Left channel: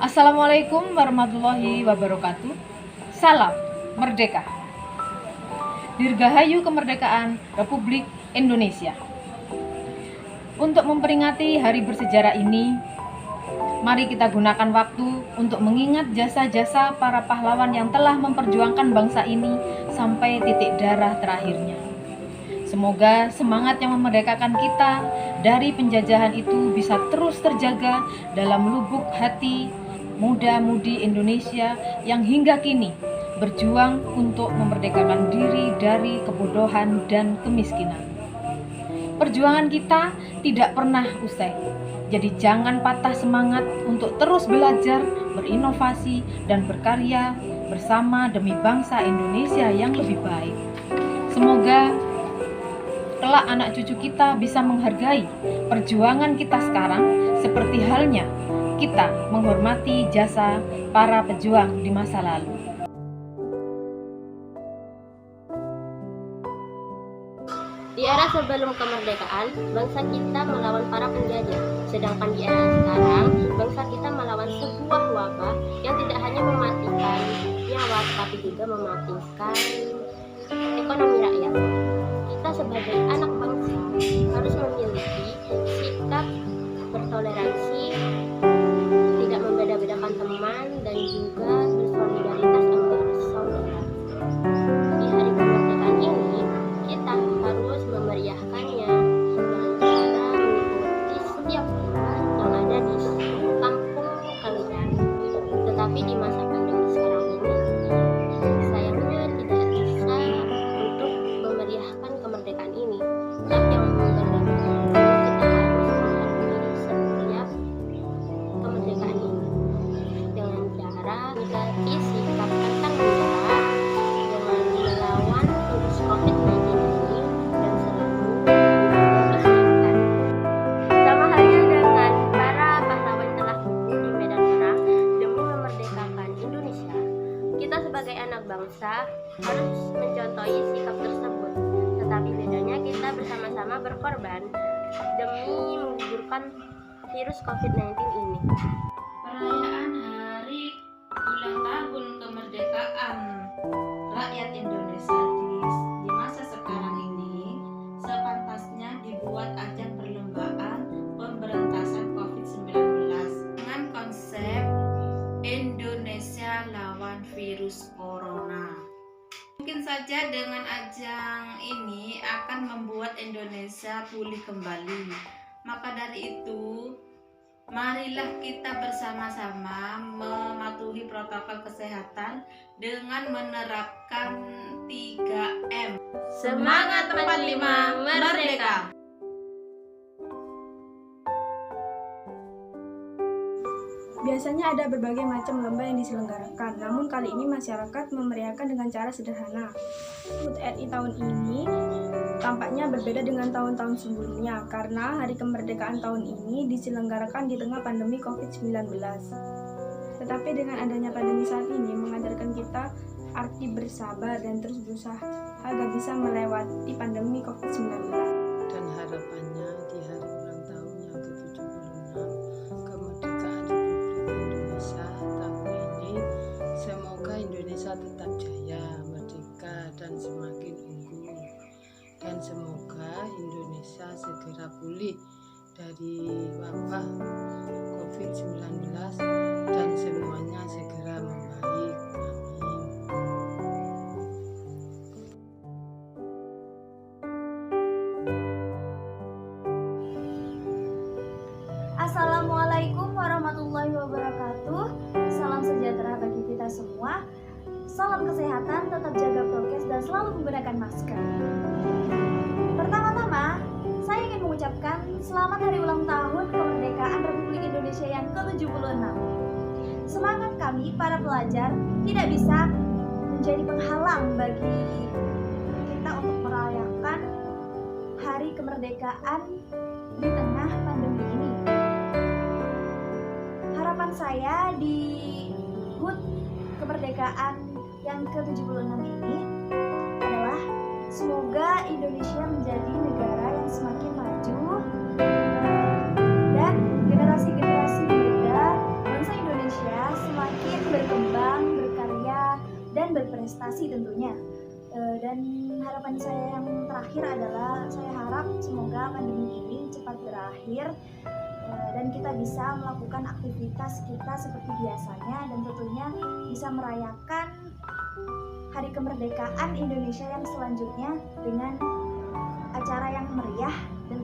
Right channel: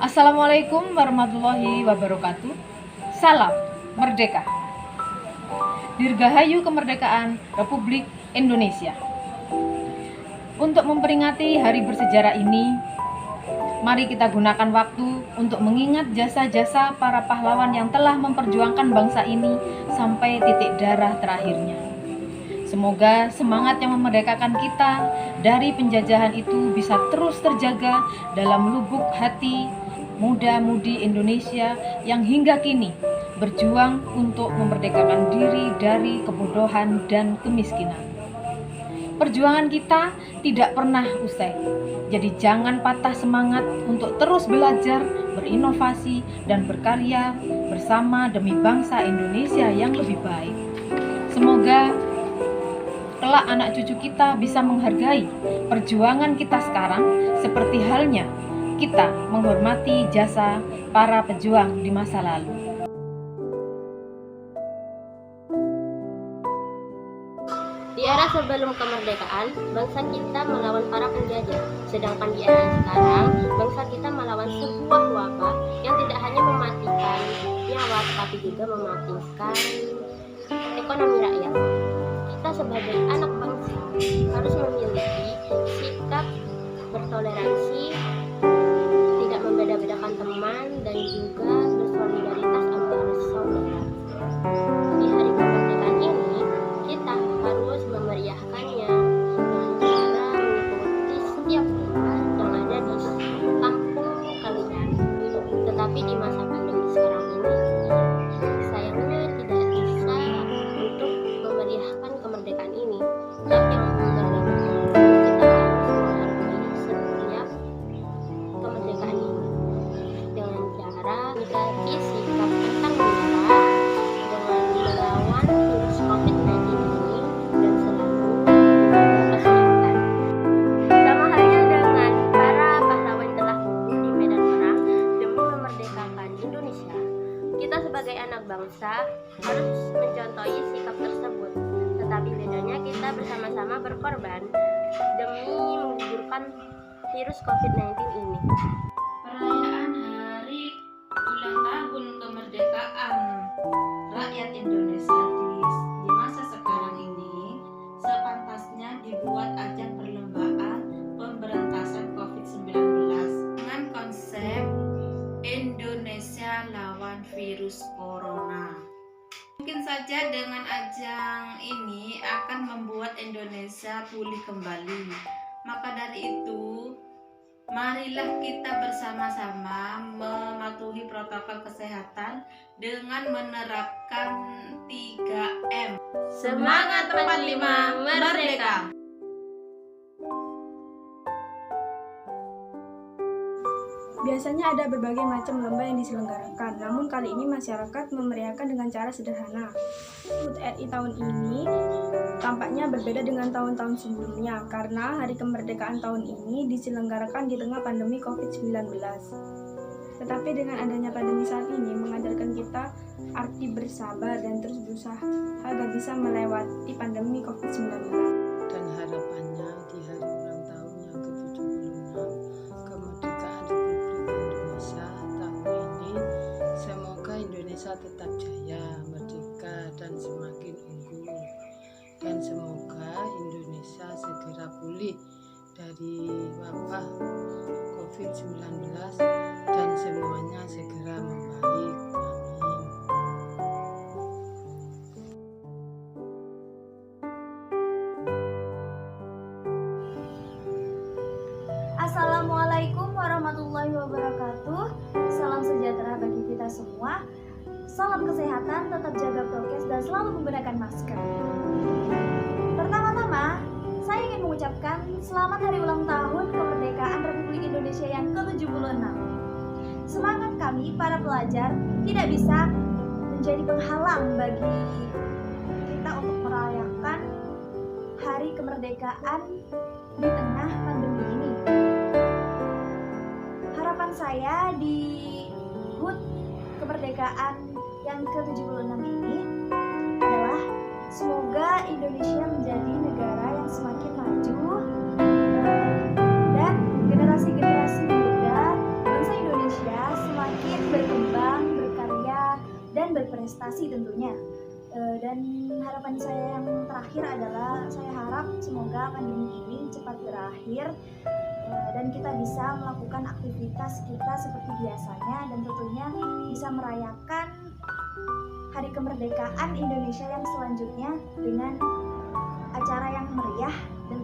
Assalamualaikum warahmatullahi wabarakatuh. Salam Merdeka. Dirgahayu kemerdekaan Republik Indonesia. Untuk memperingati hari bersejarah ini, mari kita gunakan waktu untuk mengingat jasa-jasa para pahlawan yang telah memperjuangkan bangsa ini sampai titik darah terakhirnya. Semoga semangat yang memerdekakan kita dari penjajahan itu bisa terus terjaga dalam lubuk hati muda-mudi Indonesia yang hingga kini berjuang untuk memerdekakan diri dari kebodohan dan kemiskinan. Perjuangan kita tidak pernah usai, jadi jangan patah semangat untuk terus belajar, berinovasi, dan berkarya bersama demi bangsa Indonesia yang lebih baik. Semoga kelak anak cucu kita bisa menghargai perjuangan kita sekarang seperti halnya kita menghormati jasa para pejuang di masa lalu. Di era sebelum kemerdekaan, bangsa kita melawan para penjajah. Sedangkan di era sekarang, bangsa kita melawan sebuah wabah yang tidak hanya mematikan nyawa, tetapi juga mematikan ekonomi rakyat. Kita sebagai anak bangsa harus memiliki sikap bertoleransi, tidak membeda-bedakan teman, dan juga bersolidaritas antar saudara. Di hari kemerdekaan ini, kita harus memeriahkannya dengan cara mengikuti setiap lomba yang ada di kampung kalian. Tetapi di masa pandemi sekarang ini, sayangnya tidak bisa untuk memeriahkan kemerdekaan ini. Tapi yang bagaimana, kita harus menghargai setiap kemerdekaan ini dengan cara menyikapi sikap pantang menyerah dengan melawan virus COVID-19 ini dan selalu menjaga kesehatan. Sama halnya dengan para pahlawan yang telah gugur di medan perang demi memerdekakan Indonesia, kita sebagai anak bangsa harus mencontohi sikap tersebut. Tetapi bedanya kita bersama-sama berkorban demi menggugurkan virus COVID-19 ini. Perayaan hari ulang tahun kemerdekaan rakyat Indonesia di masa sekarang ini sepantasnya dibuat ajang perlombaan pemberantasan COVID-19 dengan konsep Indonesia lawan virus corona. Mungkin saja dengan ajang ini akan membuat Indonesia pulih kembali. Maka dari itu, marilah kita bersama-sama mematuhi protokol kesehatan dengan menerapkan 3M. Semangat 45 Merdeka! Biasanya ada berbagai macam lomba yang diselenggarakan, namun kali ini masyarakat memeriahkan dengan cara sederhana. HUT RI tahun ini tampaknya berbeda dengan tahun-tahun sebelumnya, karena hari kemerdekaan tahun ini diselenggarakan di tengah pandemi COVID-19. Tetapi dengan adanya pandemi saat ini mengajarkan kita arti bersabar dan terus berusaha agar bisa melewati pandemi COVID-19. Dan harapannya di hari ulang tahun yang ke-76 kemerdekaan Republik Indonesia tahun ini, semoga Indonesia tetap jaya, merdeka, dan semakin unggul. Dan semoga Indonesia segera pulih dari wabah COVID-19 dan semuanya segera membaik. Amin. Assalamualaikum warahmatullahi wabarakatuh. Salam sejahtera bagi kita semua. Salam kesehatan, tetap jaga prokes dan selalu menggunakan masker. Pertama-tama, saya ingin mengucapkan selamat hari ulang tahun kemerdekaan Republik Indonesia yang ke-76. Semangat kami para pelajar tidak bisa menjadi penghalang bagi kita untuk merayakan hari kemerdekaan di tengah pandemi ini. Harapan saya di HUT kemerdekaan yang ke-76 ini adalah semoga Indonesia menjadi negara yang semakin maju dan generasi-generasi muda bangsa Indonesia dan berprestasi tentunya. Dan harapan saya yang terakhir adalah saya harap semoga pandemi ini cepat berakhir dan kita bisa melakukan aktivitas kita seperti biasanya dan tentunya bisa merayakan Hari Kemerdekaan Indonesia yang selanjutnya dengan acara yang meriah dan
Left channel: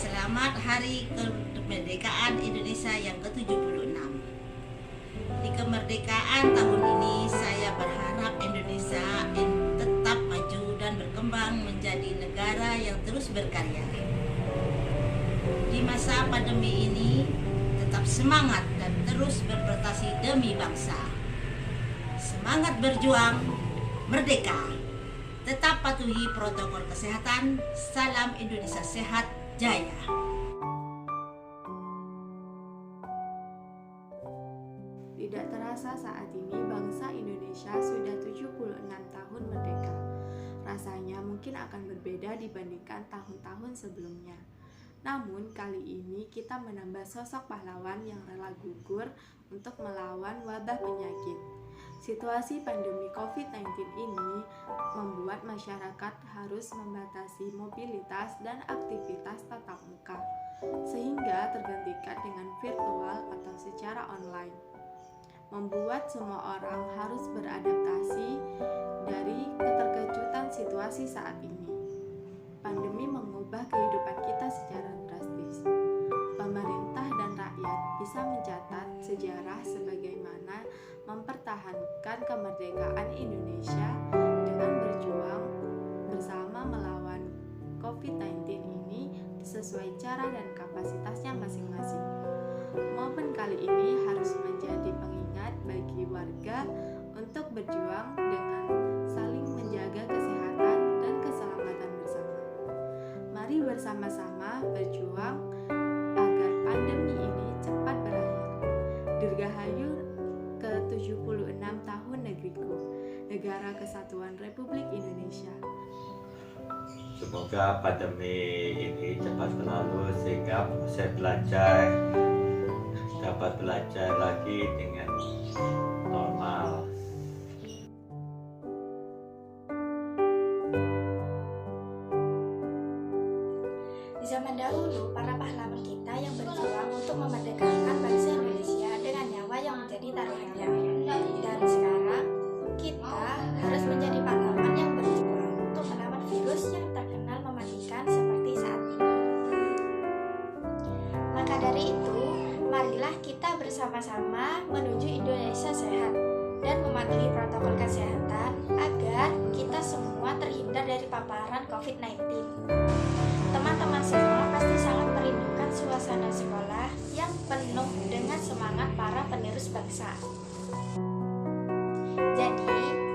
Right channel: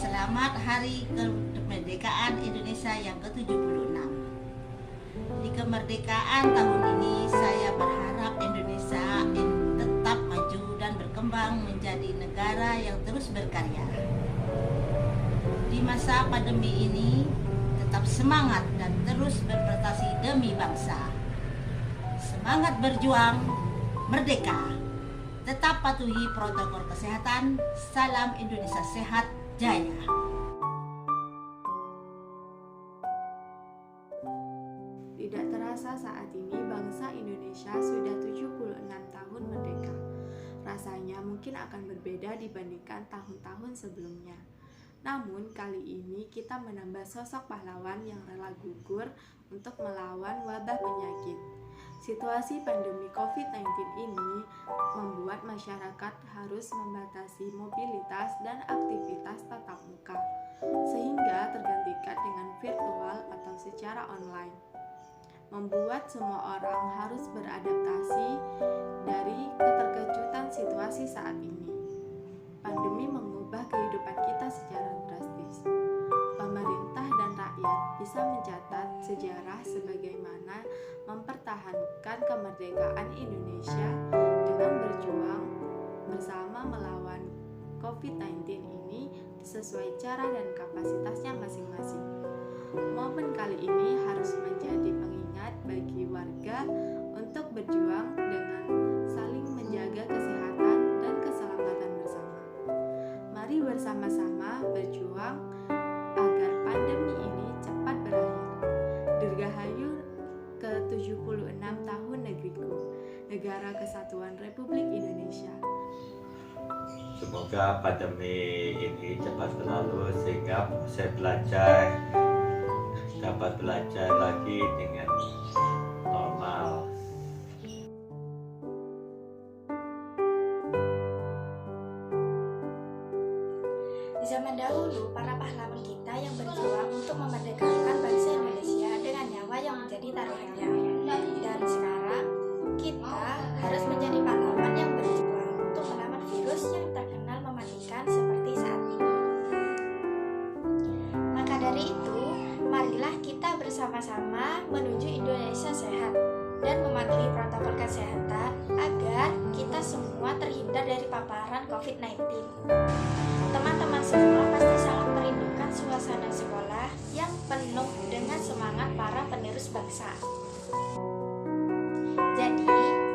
Selamat Hari Kemerdekaan Indonesia yang ke-76. Di kemerdekaan tahun ini saya berharap Indonesia tetap maju dan berkembang menjadi negara yang terus berkarya. Di masa pandemi ini tetap semangat dan terus berprestasi demi bangsa. Semangat berjuang, merdeka. Tetap patuhi protokol kesehatan. Salam Indonesia sehat, jaya. Tidak terasa saat ini bangsa Indonesia sudah 76 tahun merdeka. Rasanya mungkin akan berbeda dibandingkan tahun-tahun sebelumnya. Namun kali ini kita menambah sosok pahlawan yang rela gugur untuk melawan wabah penyakit. Situasi pandemi COVID-19 ini membuat masyarakat harus membatasi mobilitas dan aktivitas tatap muka, sehingga tergantikan dengan virtual atau secara online. Membuat semua orang harus beradaptasi dari keterkejutan situasi saat ini. Pandemi mengubah kehidupan kita secara drastis. Pemerintah dan rakyat bisa mencatat sejarah sebagaimana mempertahankan kemerdekaan Indonesia dengan berjuang bersama melawan COVID-19 ini sesuai cara dan kapasitasnya masing-masing. Momen kali ini harus menjadi pengingat bagi warga untuk berjuang dengan saling menjaga kesehatan dan keselamatan bersama. Mari bersama-sama berjuang agar pandemi ini cepat berakhir. Dirgahayu ke-76 tahun negeriku, Negara Kesatuan Republik Indonesia. Semoga pandemi ini cepat berlalu sehingga proses belajar dapat belajar lagi dengan normal. Di zaman dahulu, para pahlawan kita yang berjuang untuk memerdekakan bangsa Indonesia dengan nyawa yang menjadi taruhannya. Dan sekarang, kita harus menjadi pahlawan yang berjuang untuk melawan virus yang terkenal mematikan seperti saat ini. Maka dari itu, marilah kita bersama-sama menuju Indonesia sehat dan mematuhi protokol kesehatan agar kita semua terhindar dari paparan COVID-19. Teman-teman semua pasti sangat merindukan suasana sekolah yang penuh dengan semangat para penerus bangsa. Jadi,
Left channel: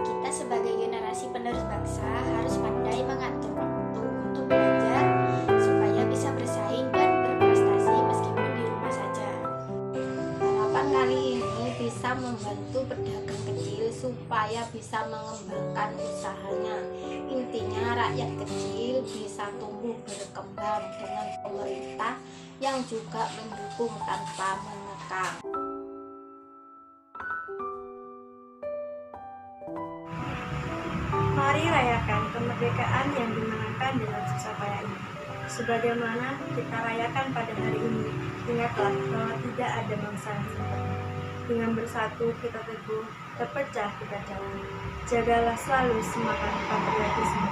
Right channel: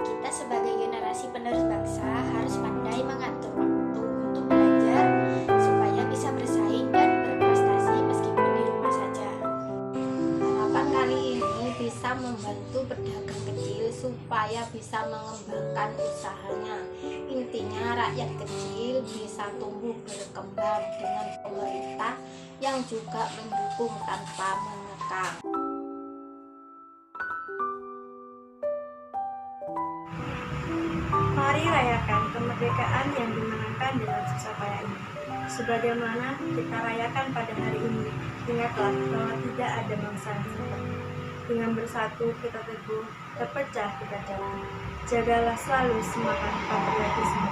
kita sebagai generasi penerus bangsa harus pandai mengatur waktu untuk belajar supaya bisa bersaing dan berprestasi meskipun di rumah saja. Harapan kali ini bisa membantu pedagang kecil supaya bisa mengembangkan usahanya. Intinya rakyat kecil bisa tumbuh berkembang dengan pemerintah yang juga mendukung tanpa mengekang. Mari rayakan kemerdekaan yang dimenangkan dengan susah payah ini. Sebagaimana kita rayakan pada hari ini, ingatlah bahwa tidak ada bangsa yang sempurna. Dengan bersatu kita teguh, terpecah kita jauh. Jagalah selalu semangat patriotisme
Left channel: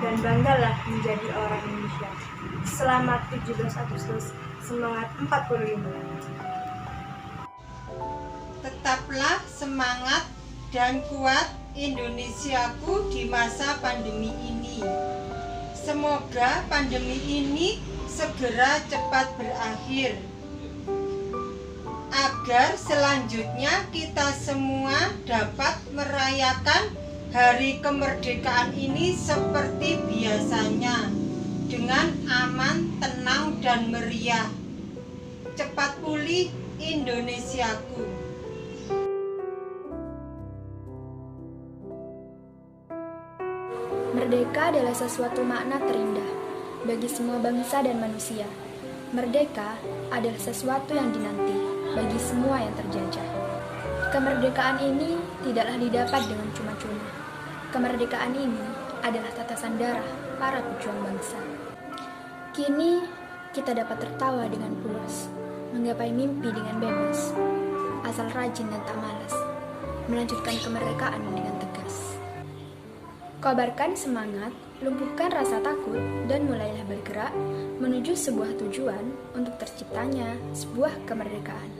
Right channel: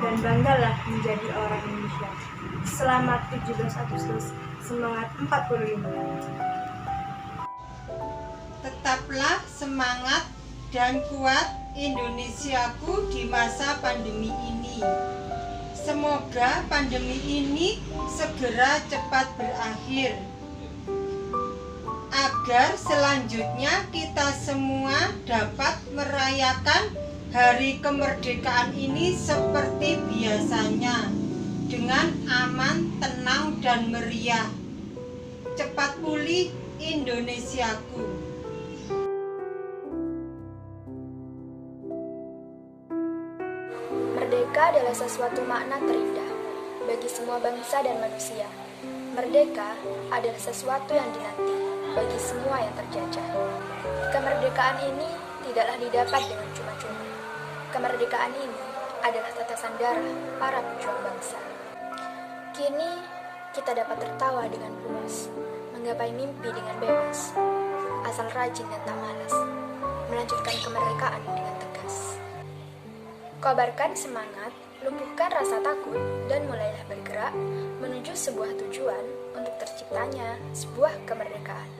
dan banggalah menjadi orang Indonesia. Selamat 17 Agustus, semangat 45. Tetaplah semangat dan kuat Indonesiaku di masa pandemi ini. Semoga pandemi ini segera cepat berakhir, agar selanjutnya kita semua dapat merayakan hari kemerdekaan ini seperti biasanya, dengan aman, tenang, dan meriah. Cepat pulih Indonesiaku. Merdeka adalah sesuatu makna terindah bagi semua bangsa dan manusia. Merdeka adalah sesuatu yang dinanti bagi semua yang terjajah. Kemerdekaan ini tidaklah didapat dengan cuma-cuma. Kemerdekaan ini adalah tetesan darah para pejuang bangsa. Kini kita dapat tertawa dengan puas, menggapai mimpi dengan bebas, asal rajin dan tak malas, melanjutkan kemerdekaan dengan tegas. Kobarkan semangat, lumpuhkan rasa takut, dan mulailah bergerak menuju sebuah tujuan untuk terciptanya sebuah kemerdekaan.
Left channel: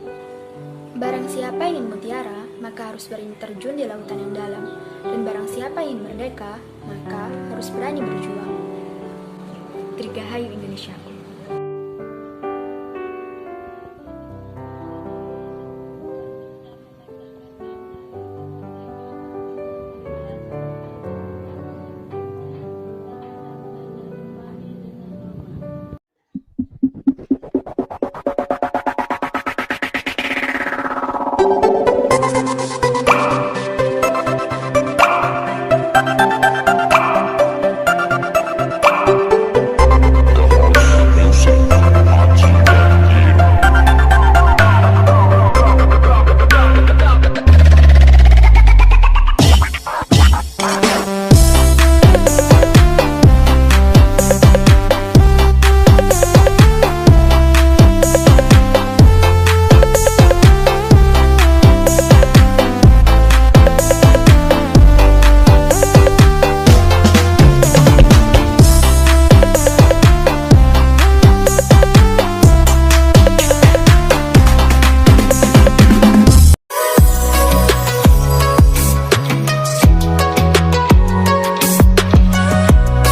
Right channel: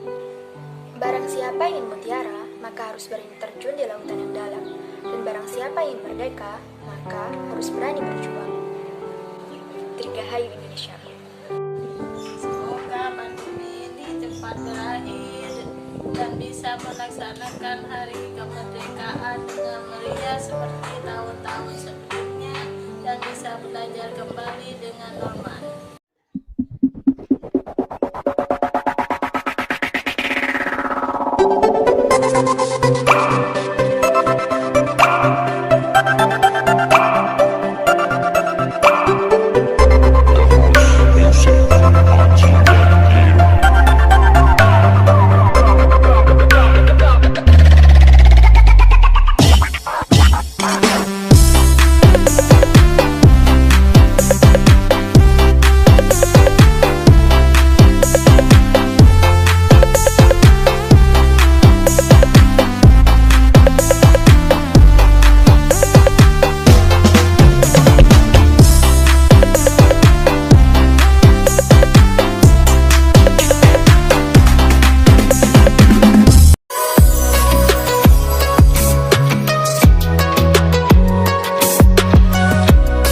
Barang siapa ingin mutiara, maka harus berani terjun di lautan yang dalam, dan barang siapa ingin merdeka, maka harus berani berjuang. Dirgahayu Indonesiaku. Semoga pandemi ini cepat berakhir dan bisa melaksanakan hari kemerdekaan dengan meriah seperti tahun-tahun sebelumnya dan bisa belajar kembali dengan normal.